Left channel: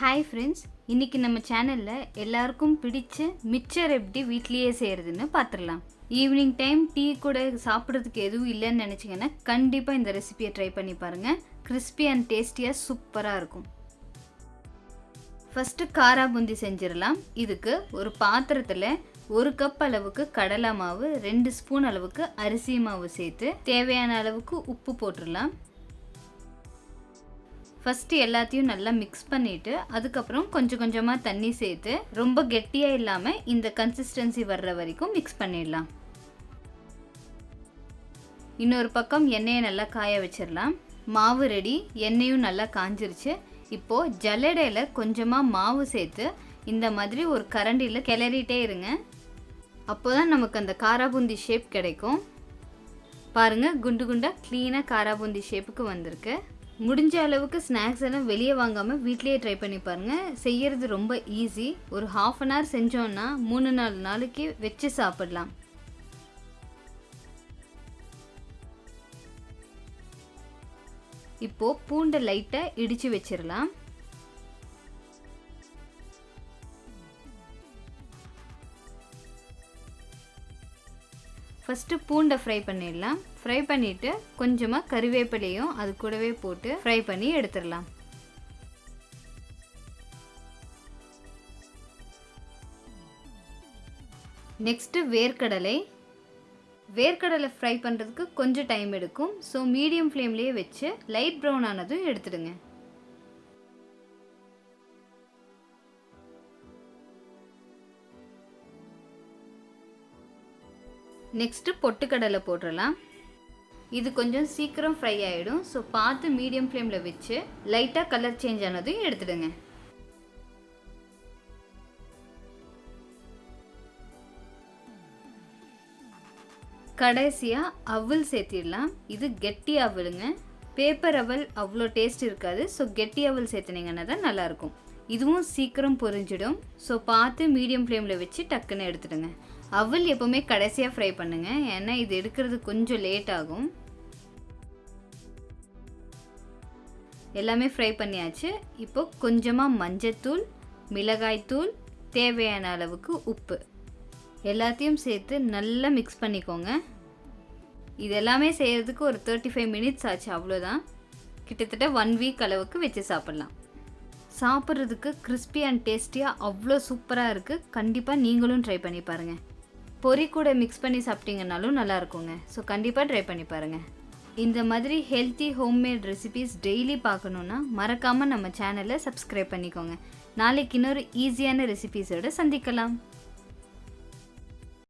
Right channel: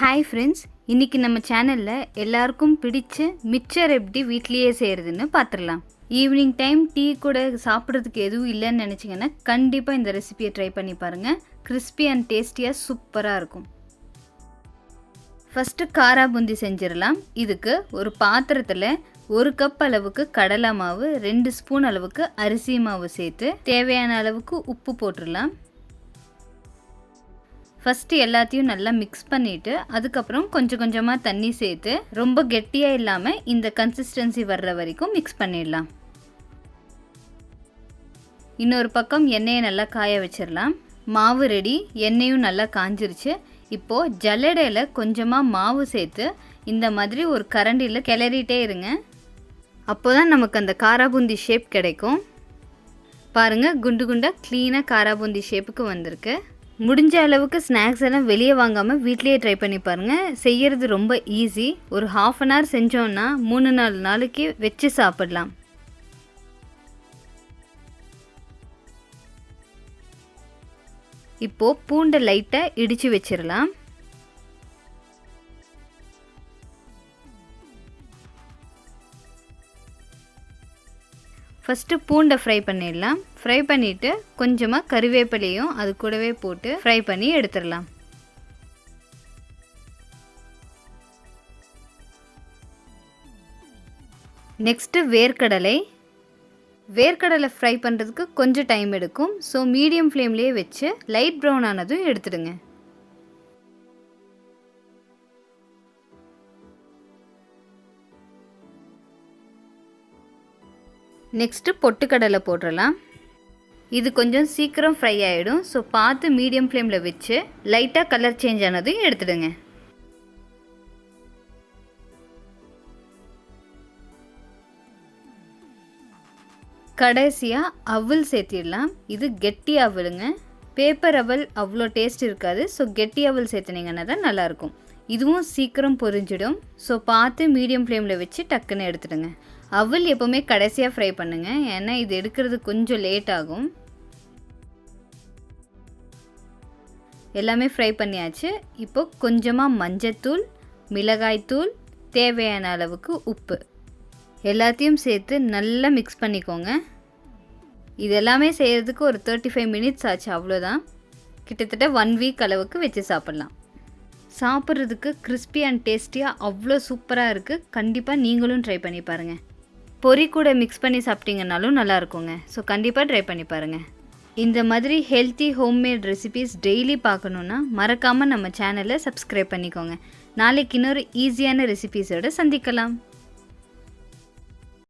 Hi friends, இன்றைக்கி நம்ம சேனலில் எல்லாருக்கும் பிடிச்ச மிக்சர் எப்படி வீட்லேயே செய்கிறதுன்னு பார்த்துடலாம். ஈவினிங் டைம் டீ கூட சாப்பிட்றதுக்கு எதுவும் இல்லைன்னு நினச்சிங்கன்னா கண்டிப்பாக இந்த ரெசிபியை ட்ரை பண்ணி பாருங்கள். கிறிஸ்பி அண்ட் டேஸ்டியாக சூப்பராக இருக்கும். ஃபஸ்ட்டு காரா பூந்தி செஞ்சிடலாம். இதுக்கு ஒரு பாத்திரத்தில் 1 கப் அளவுக்கு கடலை மாவு, 2 ஸ்பூன் அளவுக்கு அரிசி மாவு சேர்த்து தேவையான அளவுக்கு உப்பு போட்டுடலாம். ஃபஸ்ட்டு எல்லாத்தையும் நல்லா மிக்ஸ் பண்ணிவிட்டு அதுக்கப்புறம் கொஞ்சம் கொஞ்சமாக தண்ணி சேர்த்து ரொம்ப கெட்டியாக இல்லாமல் இந்த கன்சிஸ்டன்சி வர்ற வரைக்கும் மிக்ஸ் பண்ணிடலாம். இன்னொரு பக்கம் எண்ணெயை நல்லா காய வச்சிடலாம். மாவு ரெடி, எண்ணெயும் நல்லா காஞ்சிருச்சு. இப்போது ஜல்லடையில் கொஞ்சமாக மாவு சேர்த்து இந்த மாதிரி ஒரு கரண்டியில் கிளறிட்டே இருங்க. அப்போ தான் நமக்கு அந்த காராபூந்தி ஷேப் கிடைக்கும். பாருங்கள், குண்டு குண்டாக க்ளீனாக காராபூந்தி ஷேப்புக்கு வந்திருக்கு. முடிஞ்ச அளவுக்கு ஸ்நாக்ஸ் எல்லாம் வெளியே வாங்காமல் வீட்லேயே ட்ரை பண்ணி பாருங்கள். செய்கிறது ரொம்ப ஈஸி. ஒரு 1/2 அன் ஹவர் செஞ்சோன்னா 3-4 நாளைக்கு வச்சு சாப்பிடலாம். இப்போது பூண்டை லைட்டாக இடித்து வச்சிடலாம். ஃபஸ்ட்டு பூண்டை ஃப்ரை பண்ணிடலாம். ஃப்ரை பண்ணிவிட்டு கொஞ்சமாக கறிவேப்பிலையும் அது கூடவே போட்டு ஃப்ரை பண்ணி எடுத்துடலாம். நெக்ஸ்ட்டு வேர்க்கடலை ஃப்ரை பண்ணுறதுக்கு கொஞ்சம் டைம் எடுக்கும். ஸோ மீடியம் ஃப்ளேம்லேயே வச்சு லைட் ப்ரௌன் ஆனதும் எடுத்துடுங்க. நெக்ஸ்ட்டு பொட்டுக்கடலை போட்டுடலாம். இது கொஞ்சம் சீக்கிரம் ஃப்ரை ஆகிடும். ஸோ பார்த்து மீடியம் ஃப்ளேமில் வச்சு லைட்டாக கலர் சேஞ்ச் ஆனதையும் எடுத்துடுங்க. கடைசியாக அவல் சேர்த்திடலாம். இது கெட்டி அவலுங்க. பேப்பர் அவல் அவ்வளோ டேஸ்ட் இருக்காது. ஸோ கெட்டி அவல் சேர்த்துனீங்கன்னா தான் நல்லாயிருக்கும். இதுவும் சீக்கிரம் பொரிஞ்சிடும். ஸோ பார்த்து மீடியம் ஃப்ளேமில் வச்சு டக்குன்னு எடுத்துடுங்க. அவல் எப்போவுமே கடைசியாக ஃப்ரை பண்ணுங்கள், ஏன்னா இது எடுக்கிறது கொஞ்சம் லேட் ஆகும். எல்லாமே ஃப்ரை பண்ணியாச்சு. இப்போ கொஞ்சமாக மஞ்சத்தூள், மிளகாய்த்தூள், தேவையான அளவுக்கு உப்பு எல்லாத்தையும் சேர்த்து நல்லா மிக்ஸ் பண்ணிக்கோங்க. இது எல்லாமே செய்கிறதுக்கு ஒரு 35 மினிட்ஸ் ஆச்சு, அவ்வளோதான். கிட்டத்தட்ட 1 வீக் அளவுக்கு வச்சு சாப்பிட்லாம். சாப்பிட்றதுக்கு கிறிஸ்பி அண்ட் டேஸ்டியாக அவ்வளோ சூப்பராக இருக்குது. கண்டிப்பாக நீங்களும் ட்ரை பண்ணி பாருங்கள். பொரி கூட மிக்ஸ் பண்ணி சாப்பிட்டீங்கன்னாலும் நல்லா இருக்குங்க. ஸோ கண்டிப்பாக ட்ரை பண்ணி பாருங்கள். இந்த மாதிரி ஹெல்த்தி ஹோம்மேட் ரெசிபீஸ் டெய்லி பார்க்கணுன்னா மறக்காமல் நம்ம சேனலை சப்ஸ்கிரைப் பண்ணிக்கோங்க. நாளைக்கு இன்னொரு ஈஸியான ரெசிபீஸோடு சந்திக்கலாம்.